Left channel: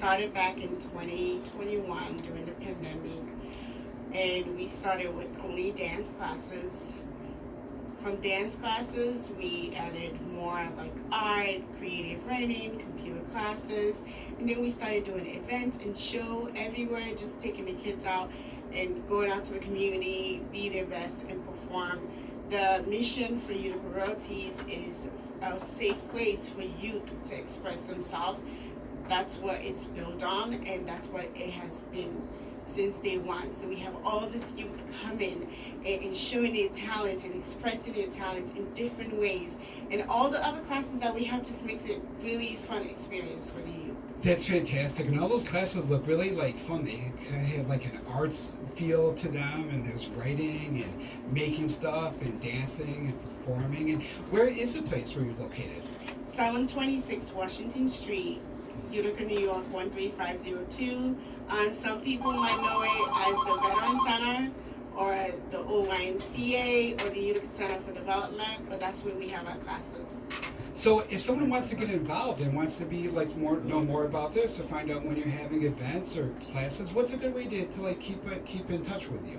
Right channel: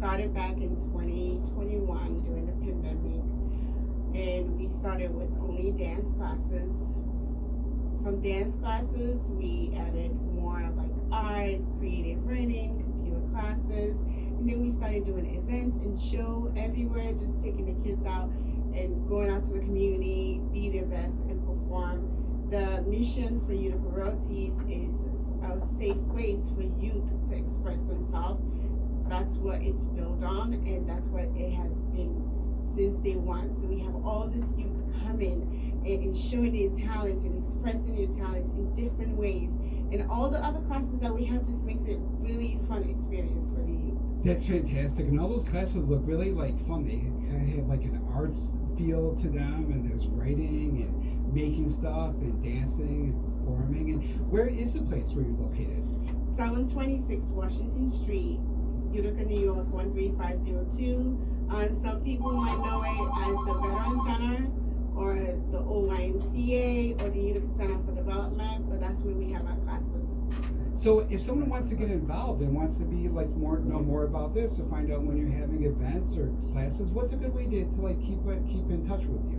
started back in 2021 during the pandemic, and we started with only dance classes. From dance classes, we added more like art, creative writing, computer classes, and then we started doing events and show everywhere, just taking the kids out and going out to the community, be their best and perform. The mission for Utica Royalties is a safe place for youth to express themselves. That's what it's built on, and that's what it has been since day one. So we have all this youth coming and showing their talent and expressing their talent in different ways. And all the other classes that we have just makes it really fun experience for the youth. That's fantastic, and all those classes look really like fun. They kind of have like an arts feel to them, and there's writing and making stuff and dancing and performing. And where is the place where you're located? 726 Washington Street, Utica, New York 13502. And some people might know it as the Veteran Center or the OYMCA or the Utica Center for Development, but that's where we have our classes. So if someone wants to get involved and wants to be like know more about this or find out when you're having events or classes, what's a good way to like keep in touch with you?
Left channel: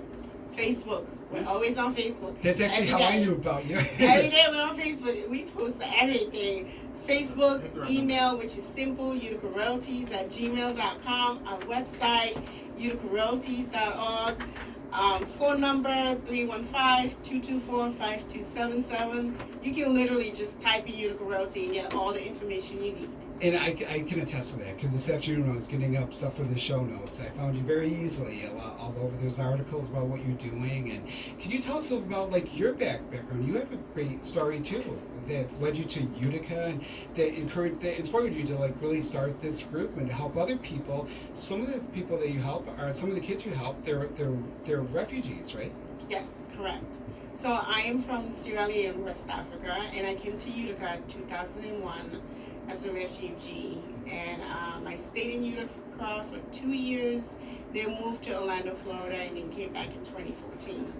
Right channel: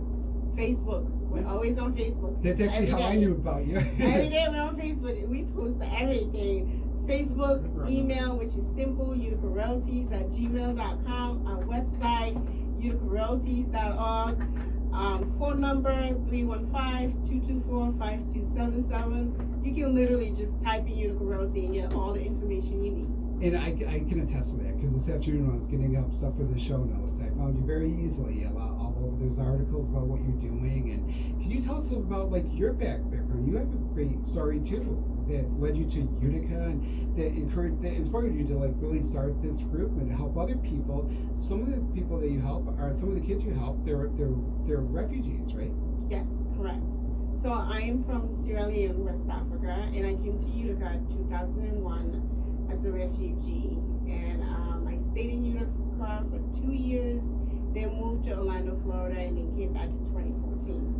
Facebook. We're always on Facebook. That's actually how I knew about you. Every day we're on Facebook. We post everything. Facebook, email, which is simple, uticaroyalties@gmail.com. Our website, uticaroyalties.org. Phone number 315-224-5277. You can literally just type in Utica Royalty and get all the information you need. And I can attest to that, because this afternoon when I was getting up stuff for the show notes, I found you very easily all over. There's articles about what you're doing. And can you tell us about like your background? You have a great story too that led you to Utica and that inspired you to like really start this group and to help other people. Some of the people that you help are some of the kids you help. They're refugees, right? Yes, correct. So I am from Sierra Leone, West Africa, and I came to Utica in 2001 as a refugee. And I stayed in Utica for 2 years, then moved to Orlando, Florida, and then came back in 2014.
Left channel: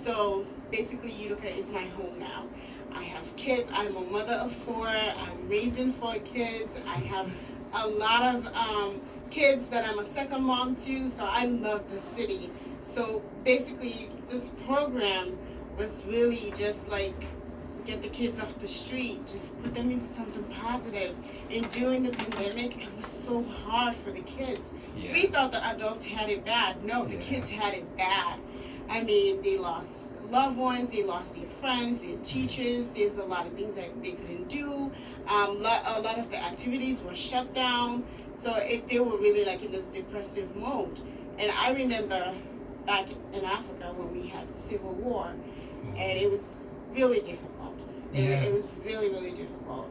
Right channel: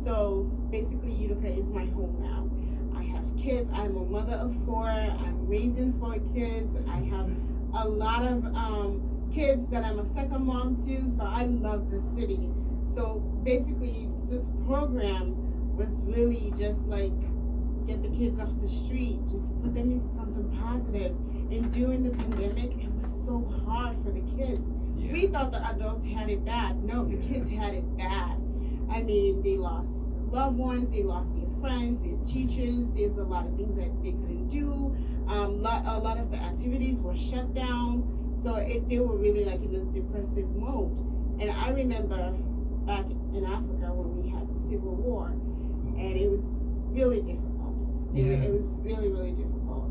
So basically Utica is my home now. I have kids. I'm a mother of 4. I'm raising 4 kids. I have a lot of kids that I'm a second mom to, so I love the city. So basically this program was really just like get the kids off the street, just put them into something positive. And during the pandemic, it was so hard for the kids. Yeah. We thought the adults had it bad. No, the kids had it bad. I mean, they lost loved ones, they lost their friends, their teachers. There's a lot of things that they couldn't do. A lot of the activities were shut down. So they were really like in this depressive mode. And I remember back in Africa when we had the Civil War, and it was really difficult. It was really, really difficult.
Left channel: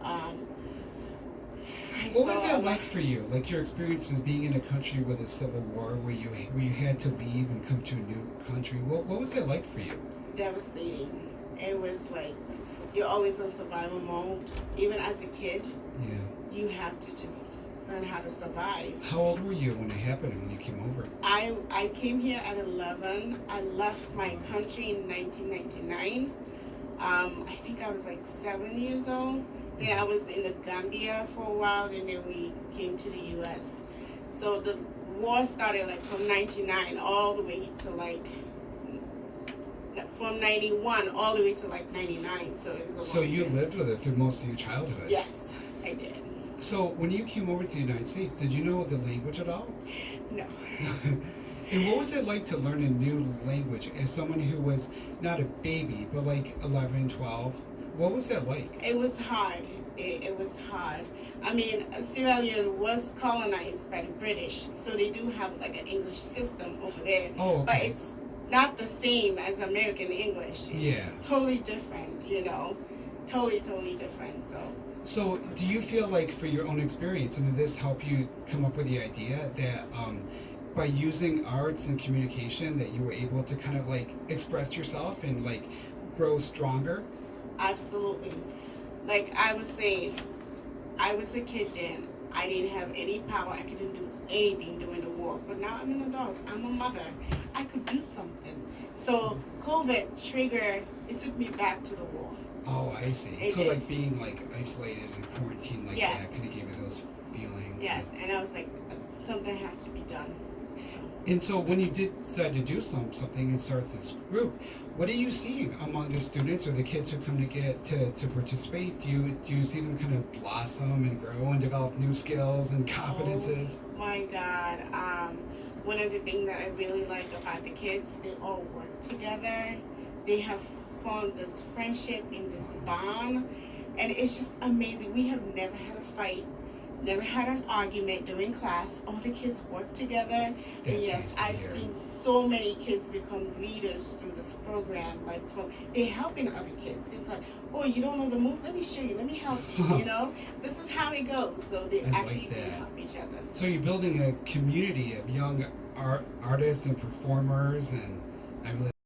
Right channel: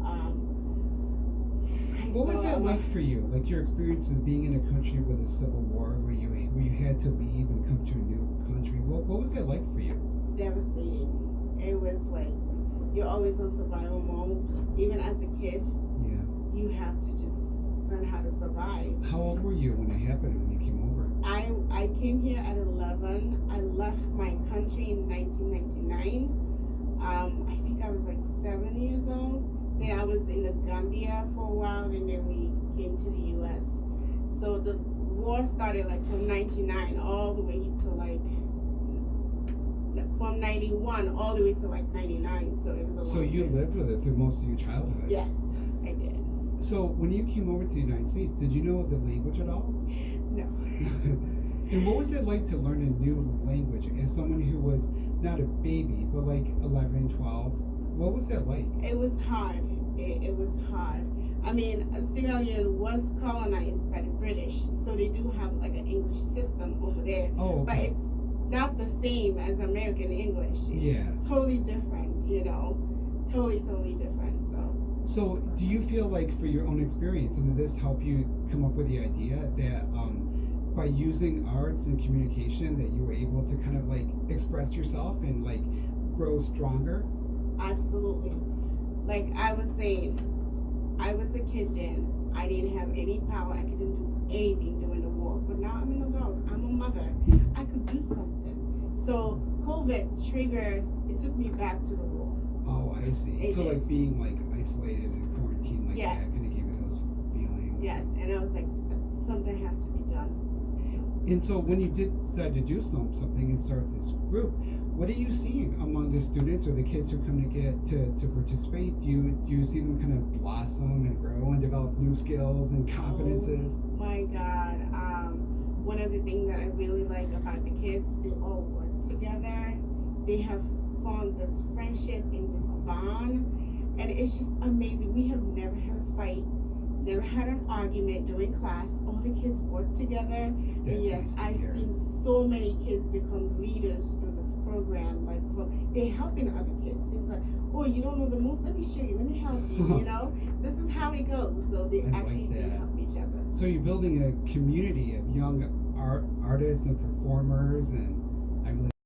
What was that like for you? Like your experiences being in a country with a civil war where you had to leave and come to a new country. What was that like for you? Devastating. It was like you're always on survival mode. Even as a kid, you have to just learn how to survive. How old were you when it happened, when you came over? I came here at 11. I left my country in 1999. I think I was like 7 years old. Then I was in the Gambia for a while, and then we came to the U.S. So the war started like from 99 all the way to like, from 91 all the way to like 99. So it was a long So you lived with it through most of your childhood? Yes, I did. So when you came over to the United States, did you know the language at all? No. And what was it like to learn a new language as someone who was not a baby, but like 11, 12? What was that like? It was hard. It was hard. I mean, Sierra Leone was colonized by the British, so they do have like an English system over there. Oh, okay. But it's not the same as American English. It's totally different, you know. Totally different. So do you feel like for your own experience, and did this help you come up with the idea that by using arts and communication that you were able to kind of like express yourself and like grow stronger? Absolutely. Like I was saying, I was a kid then. I didn't have any power. I couldn't do anything during the war. But now I'm an adult. I'm a mother. I could do something. So COVID triggered, it took me back to the war. Oh, I see. So like being like isolated and quarantined like that kind of gave you those feelings. Yes, and I was like, something has to be done. So. And so when you did decide to do something and start this group, what are you seeing among the students or the kids who come to participate? Do you see them kind of blossom and grow and develop new skills and confidences? Oh my God. One of the things that I really like about the kids, they all work together. They have formed this friendship and this bond, and it's just amazing. We have never had a fight, never had an argument during class. All the kids work together. And yes, I've seen so many kids become leaders through this program. Like, they're helping other kids. It's like, oh, you don't know the move? Let me show you. Let me help you. You know, this is how it goes. So they actually do help each other. So you're building a community of young artists and performers, and I really